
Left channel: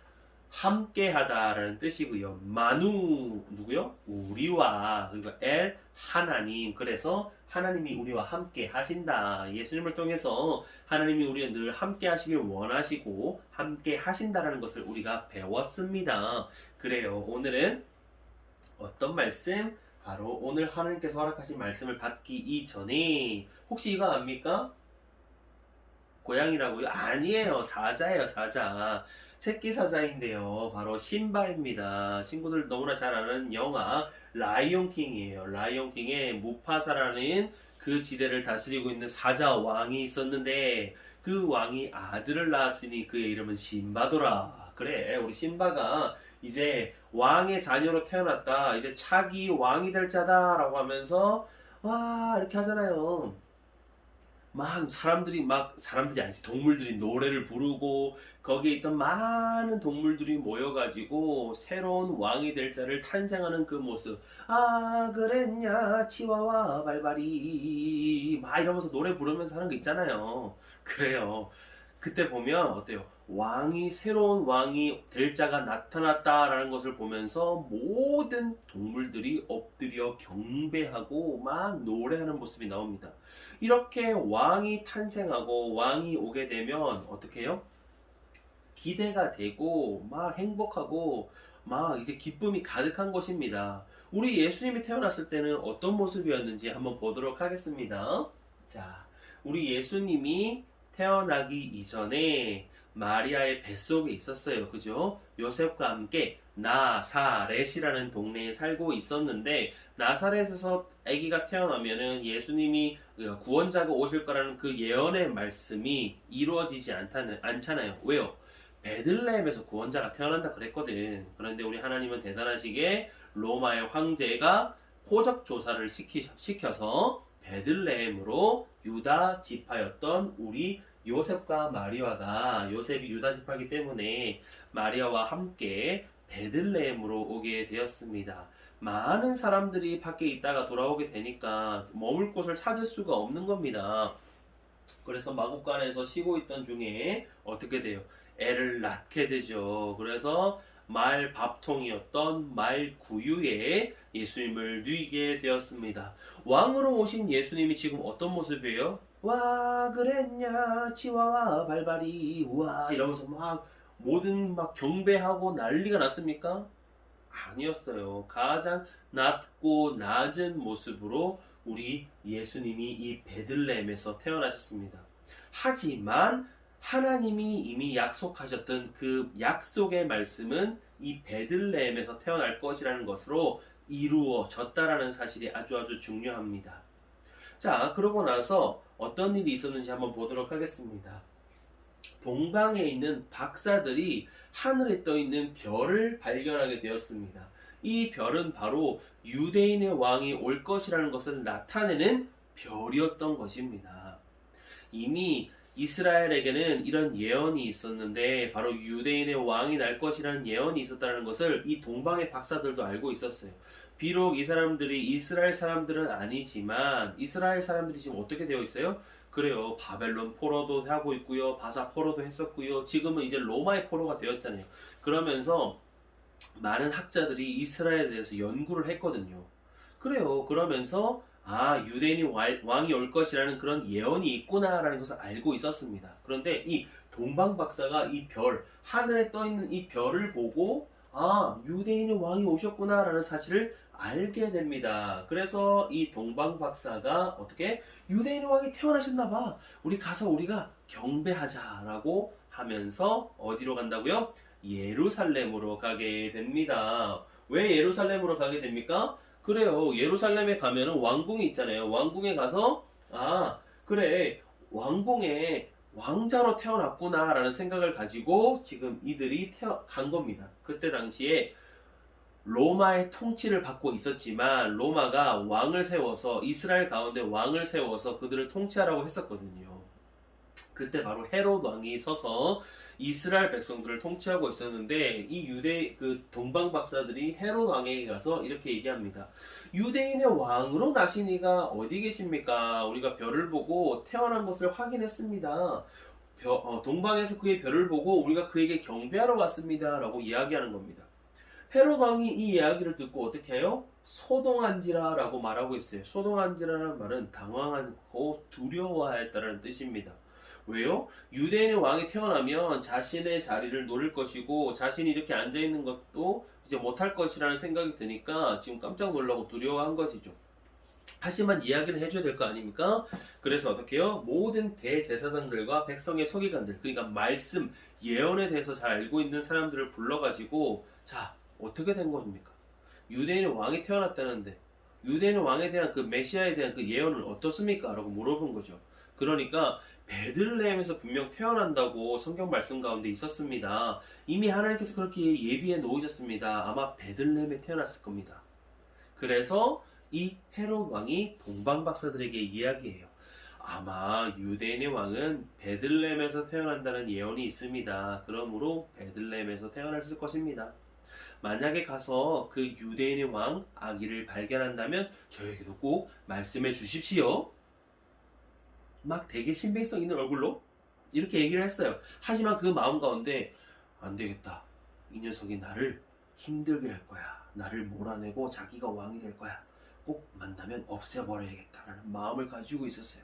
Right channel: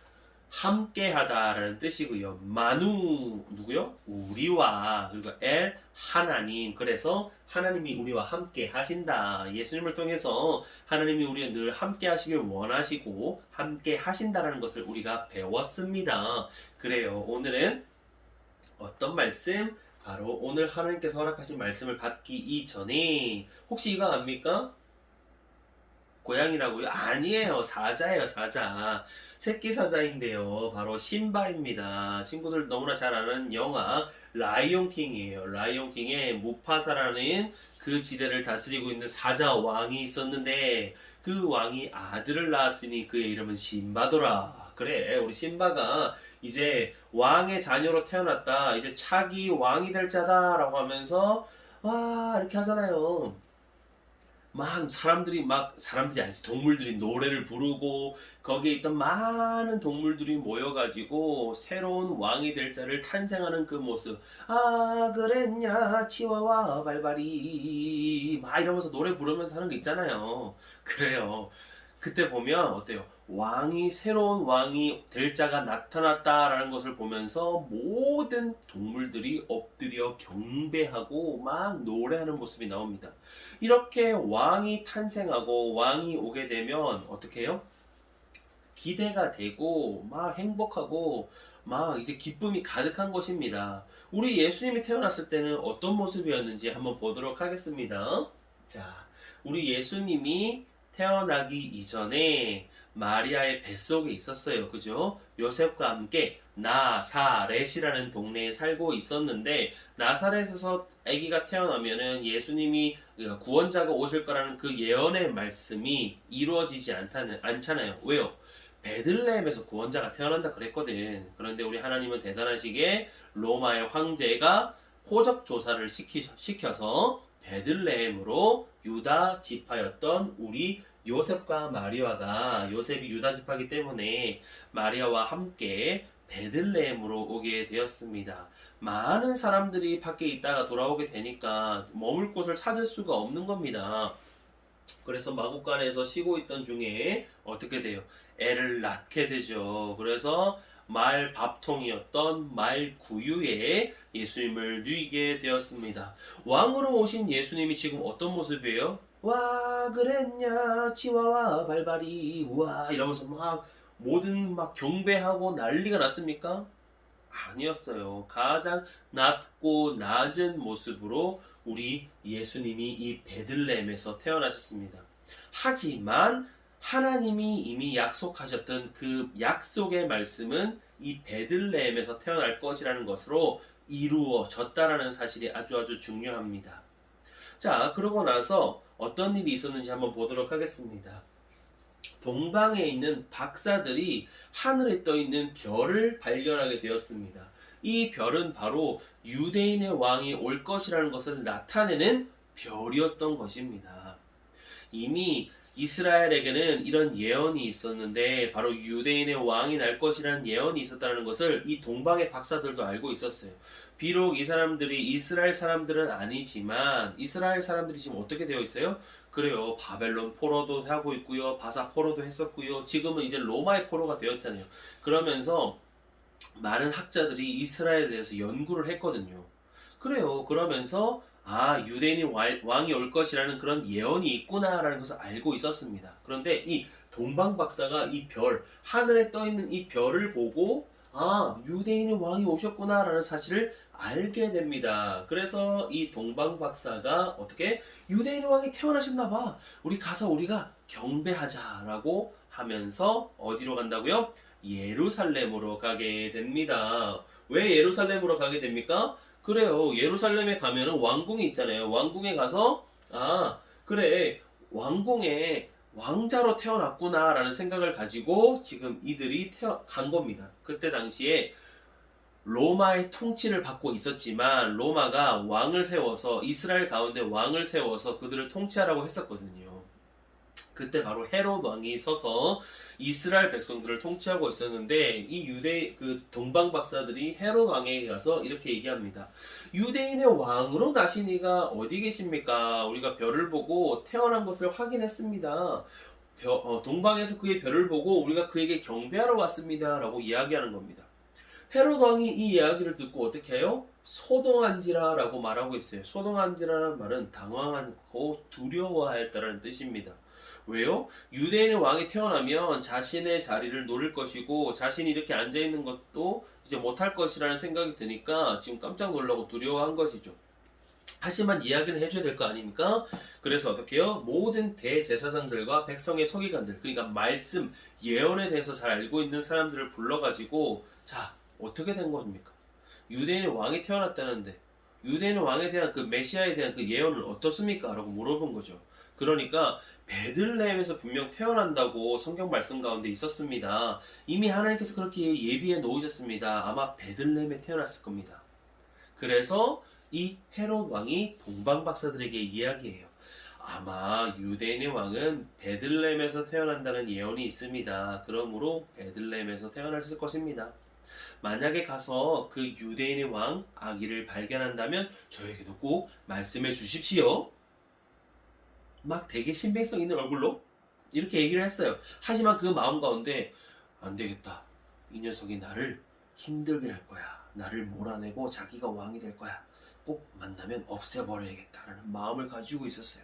함께하다라는 뜻이고요. 마누 누구요? 우리와. 그리고 엘 하나님. 그래서 하나님이 우리와 함께 하신다. 예수님을 통해서 하나님이 우리와 늘 함께 하시길 원하시고 함께 하신다라는 것을 우리가 배웠습니다. 그래요, 오늘은 어떤 말씀? 바로 오늘 하나님께서 허락하신 말씀을 받기 이전에 혹시 이거 압니까? 고양이라고요? 아니에요, 사자예요, 사자. 새끼 사자인데요, 바로 심바입니다. 친구들 너무나 잘 아는 영화 라이온킹이에요. 라이온킹의 무파사라는 그 그 지대를 다스리고 있는 사자 왕이 있었는데 그 왕이 아들을 낳았으니 그의 이름은 신바더라. 그래, 우리 신바가 이제 왕의 자녀로 태어났다. 이제 차기 왕이 될 자다라고 하면서 와 이렇게 하잖아요. 막 사람들이 아니지 동물들이 노래를 부르고 거기에 있던 많은 동물들이 모여가지고 새로운 왕이 될 자를 탄생하는 그 모습. 아 그랬냐 치와와 발발이 막 이러면서 노래 부르면서 하는 거 있잖아요. 그래요. 그때 보면 어때요? 새로운 왕이 될 자가 나타났다라는 것을 보면서 모든 동물들이 엎드려 경배하고 막 노래하는 모습이 나옵니다. 이렇게 왕이 탄생하고 왕이 오게 되면 어떻게 해요? 기대가 되고 막 행복하고 막 이제 기쁨이 가득한 것입니다. 우리 예수님이 태어났을 때는 어떤 모습이었는지 한번 보도록 하겠습니다. 자, 우리 예수님이 태어나기 이전에 마리아의 뱃속에 있었어요. 그죠? 요셉과 함께 나사렛이라는 동네에 살고 있었는데 나사렛에서 아기가 태어나면은 예수님이 구원자가 오실 거라는 그 예언의 말씀이 이루어지지 않잖아요. 왜요? 베들레헴에서 구원자가 태어난다 그랬거든. 그런데 우리 하나님은 대단하시게 로마의 황제가 호적 조사를 시켜서 베들레헴으로 유다 지파였던 우리 요셉과 마리아가 요셉이 유다 지파이기 때문에 마리아와 함께 베들레헴으로 오게 되었습니다. 많은 사람들이 밖에 있다가 돌아오게 되니까 머물 곳을 찾을 수가 없는 겁니다. 그래서 마구간에서 쉬고 있던 중에 어떻게 돼요? 애를 낳게 되죠. 그래서 말 밥통이었던 말 구유에 예수님을 누이게 되었습니다. 왕으로 오신 예수님이 지금 어떤 모습이에요? 와 그랬냐 치와와 발발이 우와 이러면서 막 모든 막 경배하고 난리가 났습니까? 아니었어요. 가장 낮고 낮은 모습으로 우리 예수님이 이 베들레헴에서 태어나셨습니다. 하지만 하나님이 이미 약속하셨던 그 약속의 말씀은 이 베들레헴에서 태어날 것이라는 것으로 이루어졌다라는 사실이 아주 중요합니다. 자, 그러고 나서 어떤 일이 있었는지 한번 보도록 하겠습니다. 동방에 있는 박사들이 하늘에 떠 있는 별을 발견하게 되었습니다. 이 별은 바로 유대인의 왕이 올 것이라는 것을 나타내는 별이었던 것입니다. 이미 이스라엘에게는 이런 예언이 있었는데 바로 유대인의 왕이 날 것이라는 예언이 있었다는 것을 이 동방의 박사들도 알고 있었어요. 비록 이 사람들이 이스라엘 사람들은 아니지만 이스라엘 사람들이 지금 어떻게 되어 있어요? 그래요. 바벨론 포로도 하고 있고요. 바사 포로도 했었고요. 지금은 이제 로마의 포로가 되었잖아요. 그러면서 많은 학자들이 이스라엘에 대해서 연구를 했거든요. 그래요. 그러면서 유대인이 왕이 올 것이라는 그런 예언이 있구나라는 것을 알고 있었습니다. 그런데 이 동방 박사가 이 별, 하늘에 떠 있는 이 별을 보고 유대인의 왕이 오셨구나라는 사실을 알게 됩니다. 그래서 이 동방 박사가 어떻게 유대인의 왕이 태어나셨나 봐. 우리 가서 우리가 경배하자라고 하면서 어디로 간다고요? 예루살렘으로 가게 됩니다. 왜 예루살렘으로 가게 됩니까? 그래요. 예루살렘에 가면은 왕궁이 있잖아요. 왕궁에 가서 그래 왕궁에 왕자로 태어났구나라는 생각을 가지고 지금 이들이 간 겁니다. 그때 당시에 로마의 통치를 받고 있었지만 로마가 왕을 세워서 이스라엘 가운데 왕을 세워서 그들을 통치하라고 했었거든요. 그때 바로 헤롯 왕이 서서 이스라엘 백성들을 통치하고 있었는데 이 그 동방 박사들이 헤롯 왕에게 가서 이렇게 얘기합니다. 유대인의 왕으로 나신 이가 어디 계십니까? 우리가 별을 보고 태어난 것을 확인했습니다. 동방에서 그의 별을 보고 우리가 그에게 경배하러 왔습니다. 라고 이야기하는 겁니다. 헤롯 왕이 이 이야기를 듣고 어떻게 해요? 소동한지라 라고 말하고 있어요. 소동한지라는 말은 당황하고 두려워하였다는 뜻입니다. 왜요? 유대인의 왕이 태어나면 자신의 자리를 노릴 것이고 자신이 이렇게 앉아있는 것도 이제 못할 것이라는 생각이 드니까 지금 깜짝 놀라고 두려워한 것이죠. 하지만 이야기는 해줘야 될 거 아닙니까? 그래서 어떻게 해요? 모든 대제사장들과 백성의 서기관들, 그러니까 말씀, 예언에 대해서 잘 알고 있는 사람들을 불러가지고 자, 어떻게 된 것입니까? 유대인의 왕이 태어났다는데 유대인의 왕에 대한 그 메시아에 대한 그 예언은 어떻습니까? 라고 물어본 거죠. 그러니까 베들레헴에서 분명 태어난다고 성경 말씀 가운데 있었습니다. 이미 하나님께서 그렇게 예비해 놓으셨습니다. 아마 베들레헴에 태어났을 겁니다. 그래서 이 헤롯 왕이 동방 박사들에게 이야기해요. 아마 유대인의 왕은 베들레헴에서 태어난다는 예언이 있습니다. 그러므로 베들레헴에서 태어났을 것입니다. 만약에 가서 그 유대인의 왕 아기를 발견한다면 저에게도 꼭 말씀해 주십시오. 막 되게 신빙성 있는 얼굴로 이렇게 얘기를 했어요. 하지만 그 마음 가운데 안 되겠다. 이 녀석이 나를 힘들게 할 거야. 나를 몰아내고 자기가 왕이 될 거야. 꼭 만나면 없애버려야겠다라는 마음을 가지고 있었어요.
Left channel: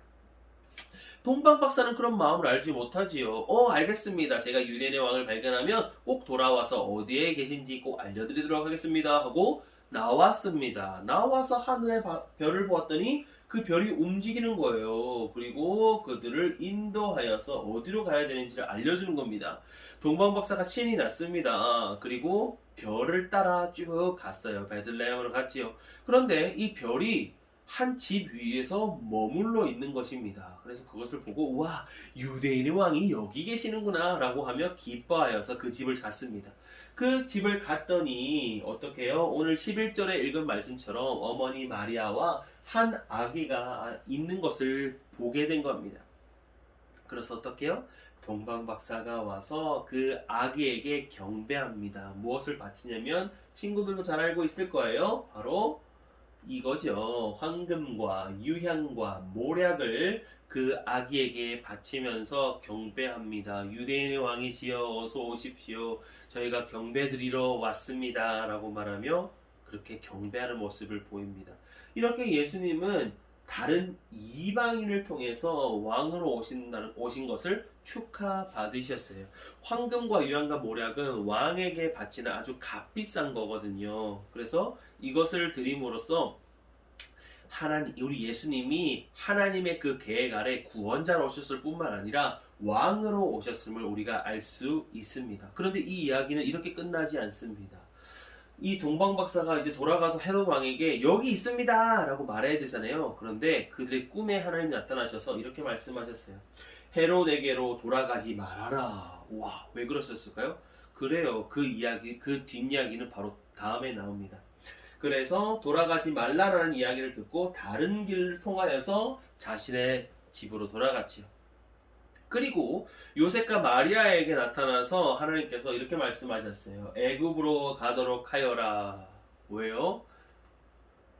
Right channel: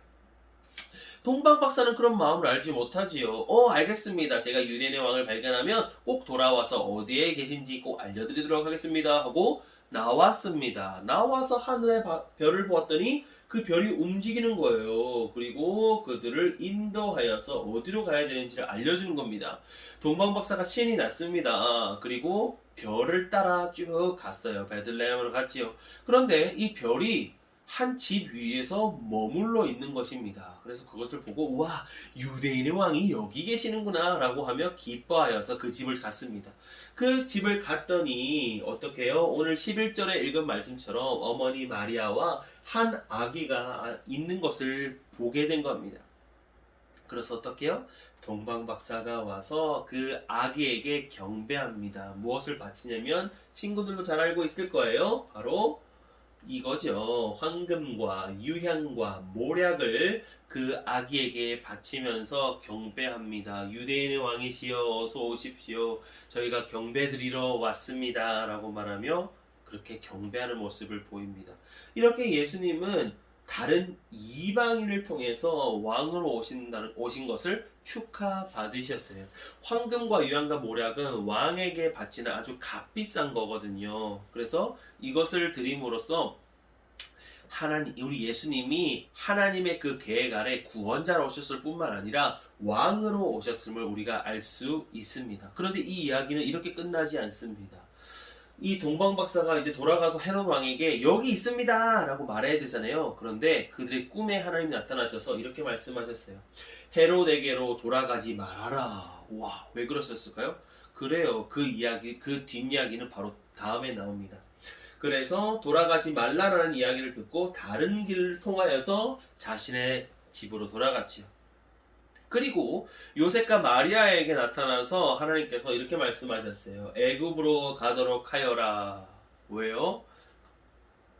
동방 박사는 그런 마음을 알지 못하지요. 알겠습니다. 제가 유대인의 왕을 발견하면 꼭 돌아와서 어디에 계신지 꼭 알려드리도록 하겠습니다. 하고 나왔습니다. 나와서 하늘의 별을 보았더니 그 별이 움직이는 거예요. 그리고 그들을 인도하여서 어디로 가야 되는지를 알려주는 겁니다. 동방 박사가 신이 났습니다. 그리고 별을 따라 쭉 갔어요. 베들레헴으로 갔지요. 그런데 이 별이 한 집 위에서 머물러 있는 것입니다. 그래서 그것을 보고 와, 유대인의 왕이 여기 계시는구나 라고 하며 기뻐하여서 그 집을 갔습니다. 그 집을 갔더니 어떻게 해요? 오늘 11절에 읽은 말씀처럼 어머니 마리아와 한 아기가 있는 것을 보게 된 겁니다. 그래서 어떻게 해요? 동방 박사가 와서 그 아기에게 경배합니다. 무엇을 바치냐면 친구들도 잘 알고 있을 거예요. 바로 이거죠. 황금과 유향과 모략을 그 아기에게 바치면서 경배합니다. 유대인의 왕이시여 어서 오십시오. 저희가 경배드리러 왔습니다. 라고 말하며 그렇게 경배하는 모습을 보입니다. 이렇게 예수님은 다른 이방인을 통해서 왕으로 오신 것을 축하받으셨어요. 황금과 유향과 모략은 왕에게 바치는 아주 값비싼 거거든요. 그래서 이것을 드림으로써 우리 예수님이 하나님의 그 계획 아래 구원자로 오셨을 뿐만 아니라 왕으로 오셨음을 우리가 알 수 있습니다. 그런데 이 이야기는 이렇게 끝나지 않습니다. 이 동방 박사가 이제 돌아가서 헤롯 왕에게 여기 있습니다 라고 말해야 되잖아요. 그런데 그들의 꿈에 하나님이 나타나셔서 이렇게 말씀하셨어요. 헤롯에게로 돌아가지 말아라. 와, 왜 그러셨을까요? 그래요. 그 이야기, 그 뒷이야기는 바로 다음에 나옵니다. 그래서 돌아가지 말라라는 이야기를 듣고 다른 길을 통하여서 자신의 집으로 돌아갔지요. 그리고 요셉과 마리아에게 나타나서 하나님께서 이렇게 말씀하셨어요. 애굽으로 가도록 하여라. 왜요?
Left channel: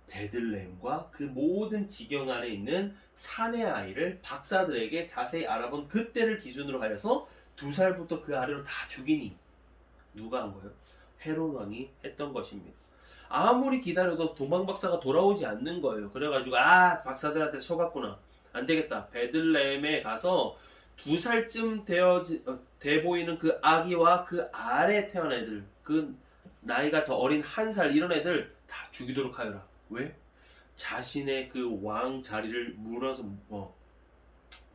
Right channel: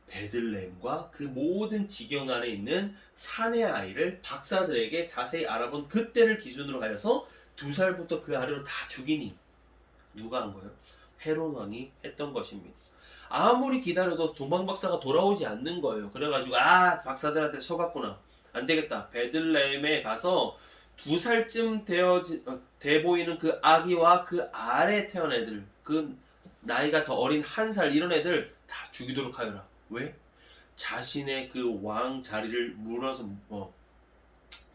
베들레헴과 그 모든 지경 안에 있는 산의 아이를 박사들에게 자세히 알아본 그때를 기준으로 하여서 2살부터 그 아래로 다 죽이니 누가 한 거예요? 헤롯 왕이 했던 것입니다. 아무리 기다려도 동방 박사가 돌아오지 않는 거예요. 그래가지고 박사들한테 속았구나. 안 되겠다. 베들레헴에 가서 2살쯤 돼 보이는 그 아기와 그 아래 태어난 애들, 그 나이가 더 어린 1살 이런 애들 다 죽이도록 하여라. 왜? 자신의 그 왕 자리를 무너서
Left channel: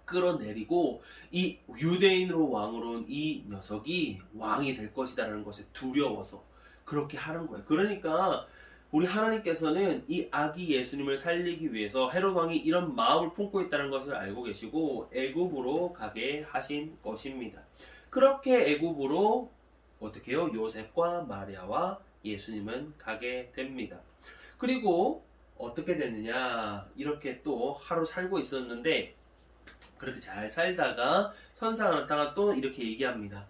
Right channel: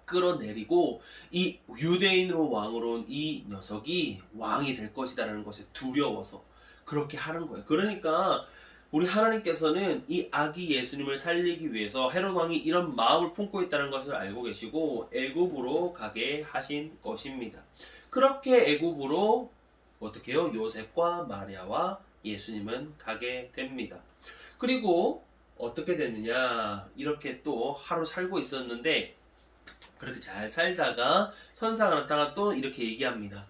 끌어내리고 이 유대인으로 왕으로 온 이 녀석이 왕이 될 것이다라는 것에 두려워서 그렇게 하는 거예요. 그러니까 우리 하나님께서는 이 아기 예수님을 살리기 위해서 헤롯 왕이 이런 마음을 품고 있다는 것을 알고 계시고 애굽으로 가게 하신 것입니다. 그렇게 애굽으로 어떻게 해요? 요셉과 마리아와 예수님은 가게 됩니다. 그리고 어떻게 됐느냐? 이렇게 또 하루 살고 있었는데 그렇게 잘 살다가 천사가 나타나 또 이렇게 얘기합니다.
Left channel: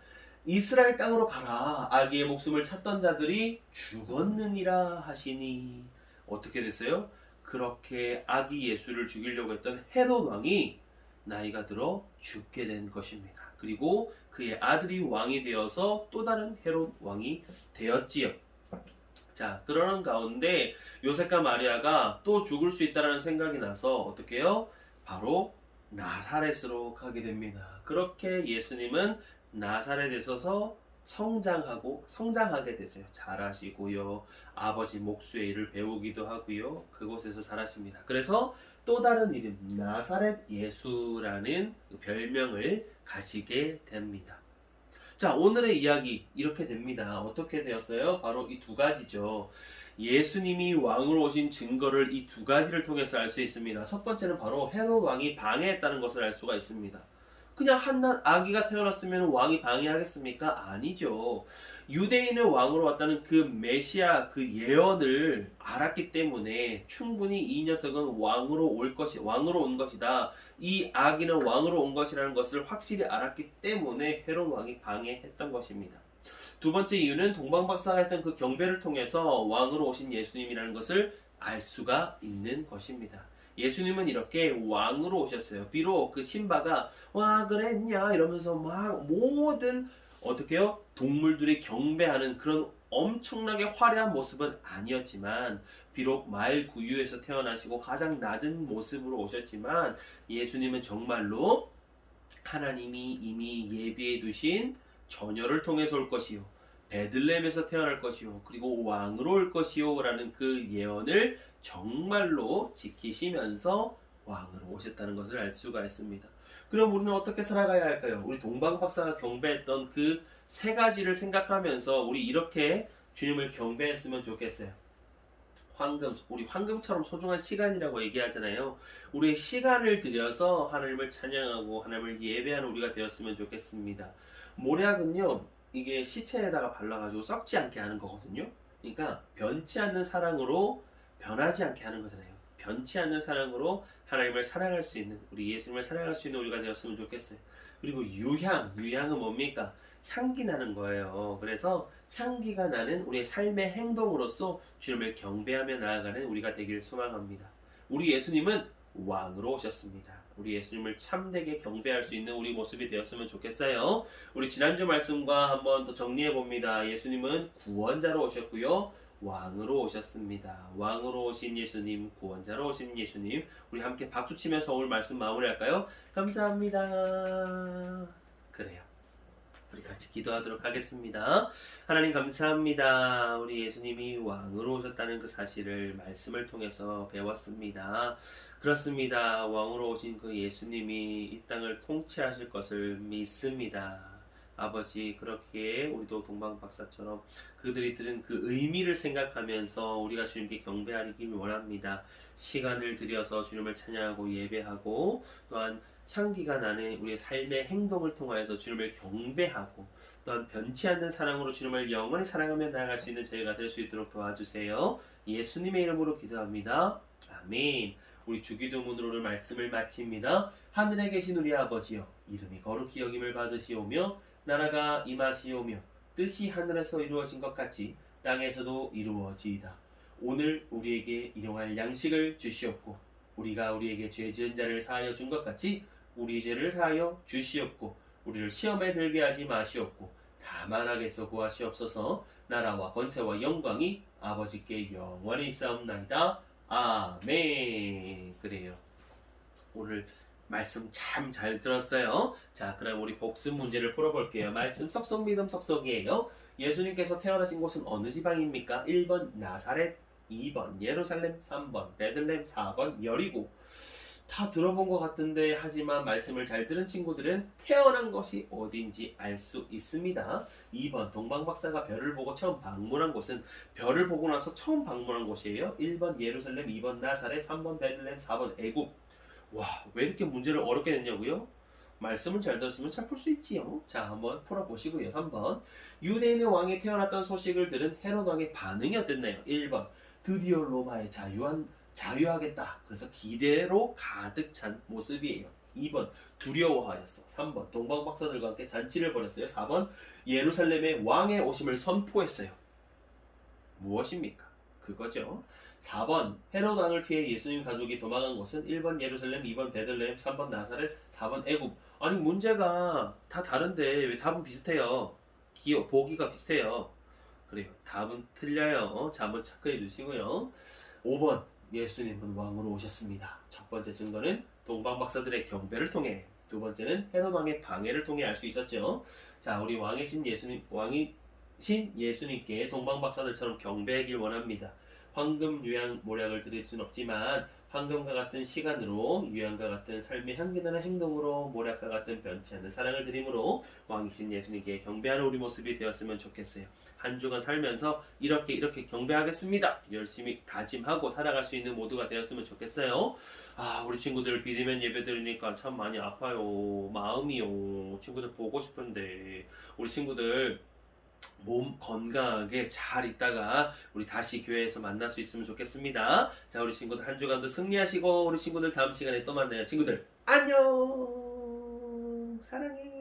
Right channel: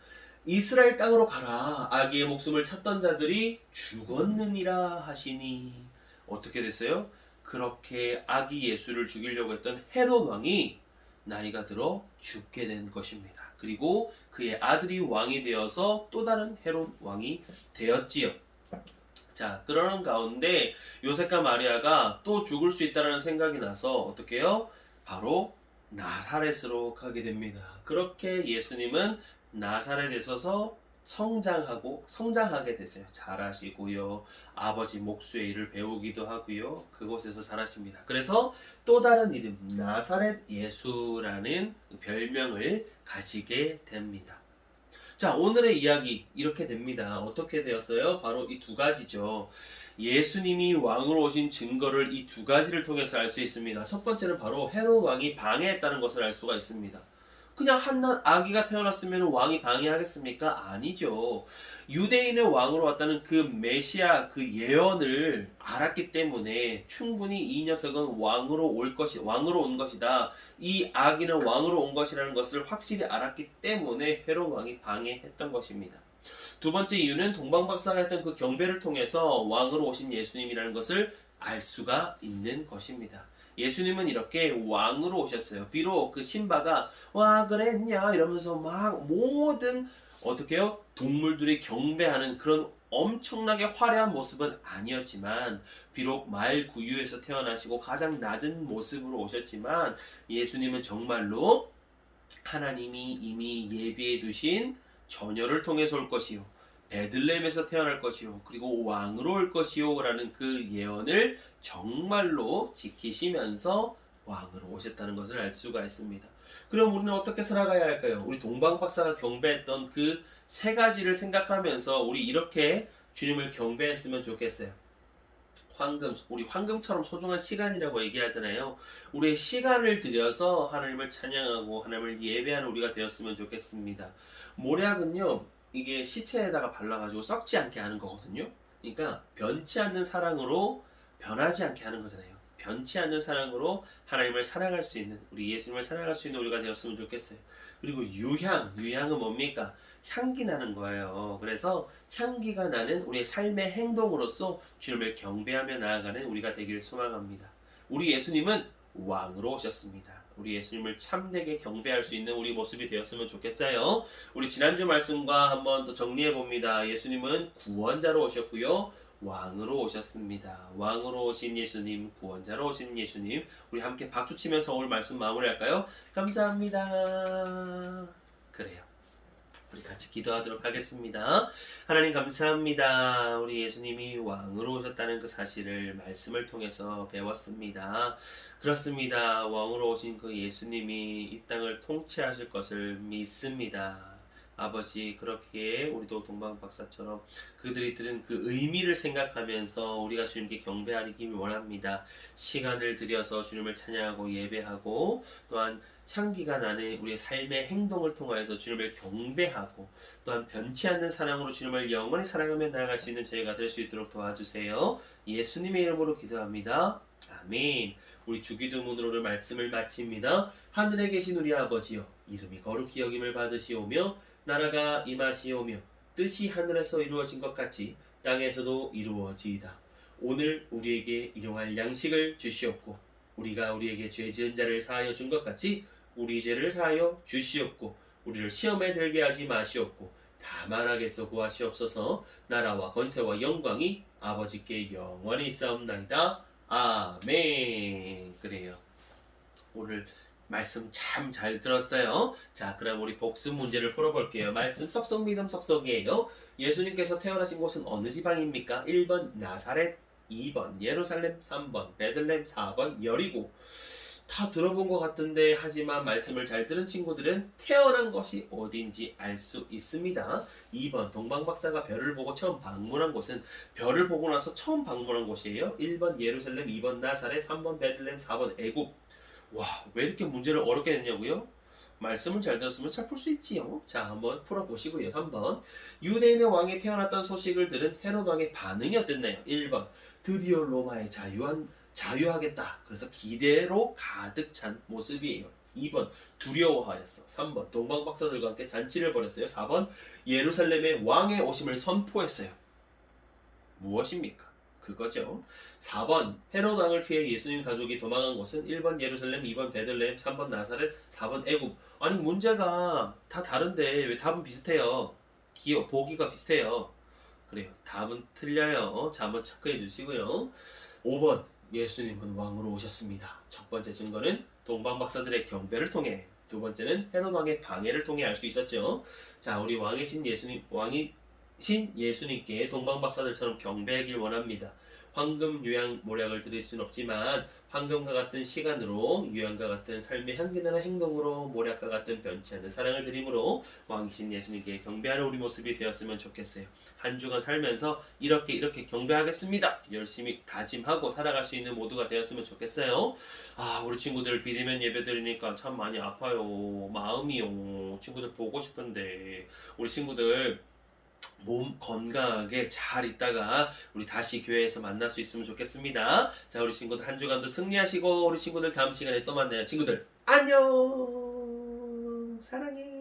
이스라엘 땅으로 가라. 아기의 목숨을 찾던 자들이 죽었느니라 하시니 어떻게 됐어요? 그렇게 아기 예수를 죽이려고 했던 헤롯 왕이 나이가 들어 죽게 된 것입니다. 그리고 그의 아들이 왕이 되어서 또 다른 헤롯 왕이 되었지요. 자, 그러는 가운데 요셉과 마리아가 또 죽을 수 있다는 생각이 나서 어떻게 해요? 바로 나사렛으로 가게 됩니다. 그렇게 예수님은 나사렛에 서서 성장하게 되세요. 자라시고요. 아버지 목수의 일을 배우기도 하고요. 그곳에서 자라십니다. 그래서 또 다른 이름 나사렛 예수라는 별명을 가지게 됩니다. 자, 오늘의 이야기 이렇게 됩니다. 어떻게 되었어요? 바로 이 두 가지죠. 예수님이 왕으로 오신 증거를 이 두 가지를 통해서 알 수 있습니다. 첫 번째는 바로 헤롯 왕이 방해했다는 것을 알 수가 있습니다. 그냥 한 아기가 태어났으면 왕이 방해하겠습니까? 아니죠. 유대인의 왕으로 왔다는 그 메시아 그 예언을 알았기 때문에 충분히 이 녀석은 왕으로 온 것이다. 이 아기는 왕으로 온 것이라는 것을 확실히 알았기 때문에 헤롯 왕이 방해했던 것입니다. 두 번째 이유는 동방박사가 했던 그 경배를 통해서 왕으로 오신 예수님이라는 것을 알 수가 있는 것입니다. 예수님은 이렇게 왕으로 오셨어요. 비록 그 신바가 와 그랬냐 이러면서 막 모든 어떻게요? 동물들이 경배하는 그런 엄청나게 화려한 모습은 아니었지만 비록 말구유에서 태어나시고 가장 낮은 모습으로 오셨지만 예수님은 정말로 하나님이 이미 예비해 두신 처녀를 통해서 올 것이요 베들레헴에서 태어날 것이요 그리고 왕으로 올 것이요 라는 그 예언을 정말로 지키시면서 왕으로 오셨다는 것을 알 수가 있습니다. 그럼 우리는 어떻게 살아가야 할까요? 우리 동방박사가 경배했던 그 세 가지를 생각하면서 우리 이렇게 주님을 경배했으면 좋겠어요. 우리 황금처럼 소중한 시간이라고 얘기하잖아요. 우리의 시간을 들여서 하나님을 찬양하고 하나님을 예배하는 우리가 되었으면 좋겠습니다. 모략은요, 이게 시체에다가 발라가지고 썩지 않게 하는 거거든요. 그러니까 변치 않는 사랑으로 변하지 않게 하는 거잖아요. 변치 않는 사랑으로 하나님을 사랑할 수 있는, 우리 예수님을 사랑할 수 있는 우리가 되었으면 좋겠어요. 그리고 유향은 뭡니까? 향기 나는 거예요. 그래서 향기가 나는 우리의 삶의 행동으로서 주님을 경배하며 나아가는 우리가 되기를 소망합니다. 우리 예수님은 왕으로 오셨습니다. 우리 예수님을 참되게 경배할 수 있는 우리 모습이 되었으면 좋겠어요. 우리 지난주 말씀과 한번 또 정리해 봅니다. 예수님은 구원자로 오셨고요. 왕으로 오셨습니다. 왕으로 오신 예수님, 구원자로 오신 예수님, 우리 함께 박수 치면서 오늘 말씀 마무리할까요? 감사합니다. 그래요. 우리 같이 기도하도록 하겠습니다. 하나님 감사합니다. 우리 예수님이 왕으로 오셨다는 그 사실을 말씀을 통해서 배웠습니다. 그렇습니다. 왕으로 오신 그 예수님이 이 땅을 통치하실 것을 믿습니다. 아버지, 그렇게 우리도 동방박사처럼 그들이 들은 그 의미를 생각하면서 우리가 주님께 경배하기를 원합니다. 시간을 들여서 주님을 찬양하고 예배하고 또한 향기가 나는 우리의 삶의 행동을 통하여서 주님을 경배하고 또한 변치 않는 사랑으로 주님을 영원히 사랑하며 나아갈 수 있는 저희가 될 수 있도록 도와주세요. 예수님의 이름으로 기도합니다. 아멘. 우리 주기도문으로 말씀을 마칩니다. 하늘에 계신 우리 아버지여, 이름이 거룩히 여김을 받으시오며 나라가 임하시오며 뜻이 하늘에서 이루어진 것 같이 땅에서도 이루어지이다. 오늘 우리에게 일용할 양식을 주시옵고 우리가 우리에게 죄 지은 자를 사하여 준 것 같이 우리 죄를 사하여 주시옵고 우리를 시험에 들게 하지 마시옵고 다만 악에서 구하시옵소서. 나라와 권세와 영광이 아버지께 영원히 있사옵나이다. 아멘. 그래요. 오늘 말씀 참 잘 들었어요. 자, 그럼 우리 복습 문제를 풀어볼게요. 말씀 썩썩 믿음 썩썩이에요. 예수님께서 태어나신 곳은 어느 지방입니까? 1번 나사렛, 2번 예루살렘, 3번 베들레헴, 4번 여리고. 다 들어본 것 같은데 하지만 말씀을 잘 들은 친구들은 태어난 것이 어딘지 알 수 있습니다. 2번 동방박사가 별을 보고 처음 방문한 곳은 별을 보고 나서 처음 방문한 곳이에요. 1번 예루살렘, 2번 나사렛, 3번 베들레헴, 4번 애굽. 와, 왜 이렇게 문제를 어렵게 냈냐고요? 말씀을 잘 들었으면 잘 풀 수 있지요. 자, 한번 풀어보시고요. 3번 유대인의 왕이 태어났다는 소식을 들은 헤롯 왕의 반응이 어땠나요? 1번 드디어 로마에 자유하겠다. 그래서 기대로 가득 찬 모습이에요. 2번 두려워하였어. 3번 동방박사들과 함께 잔치를 벌였어요. 4번 예루살렘의 왕의 오심을 선포했어요. 무엇입니까? 그거죠. 4번 헤롯 왕을 피해 예수님 가족이 도망간 곳은 1번 예루살렘, 2번 베들레헴, 3번 나사렛, 4번 애굽. 아니 문제가 다 다른데 왜 답은 비슷해요? 보기가 비슷해요. 그래요. 답은 틀려요. 자, 한번 체크해 주시고요. 5번 예수님은 왕으로 오셨습니다. 첫 번째 증거는 동방박사들의 경배를 통해, 두 번째는 헤롯 왕의 방해를 통해 알 수 있었죠. 자, 우리 왕이신 예수님께 동방박사들처럼 경배하길 원합니다. 황금 유향 모략을 드릴 순 없지만 황금과 같은 시간으로 유향과 같은 삶의 향기 나는 행동으로 모략과 같은 변치 않는 사랑을 드림으로 왕이신 예수님께 경배하는 우리 모습이 되었으면 좋겠어요. 한 주간 살면서 이렇게 경배하겠습니다. 열심히 다짐하고 살아갈 수 있는 모두가 되었으면 좋겠어요. 우리 친구들 비대면 예배 드리니까 참 많이 아파요. 마음이요. 친구들 보고 싶은데 우리 친구들 몸 건강하게 잘 있다가 우리 다시 교회에서 만날 수 있으면 좋겠습니다. 자, 우리 친구들 한 주간도 승리하시고 우리 친구들 다음 시간에 또 만나요. 친구들 안녕. 사랑해.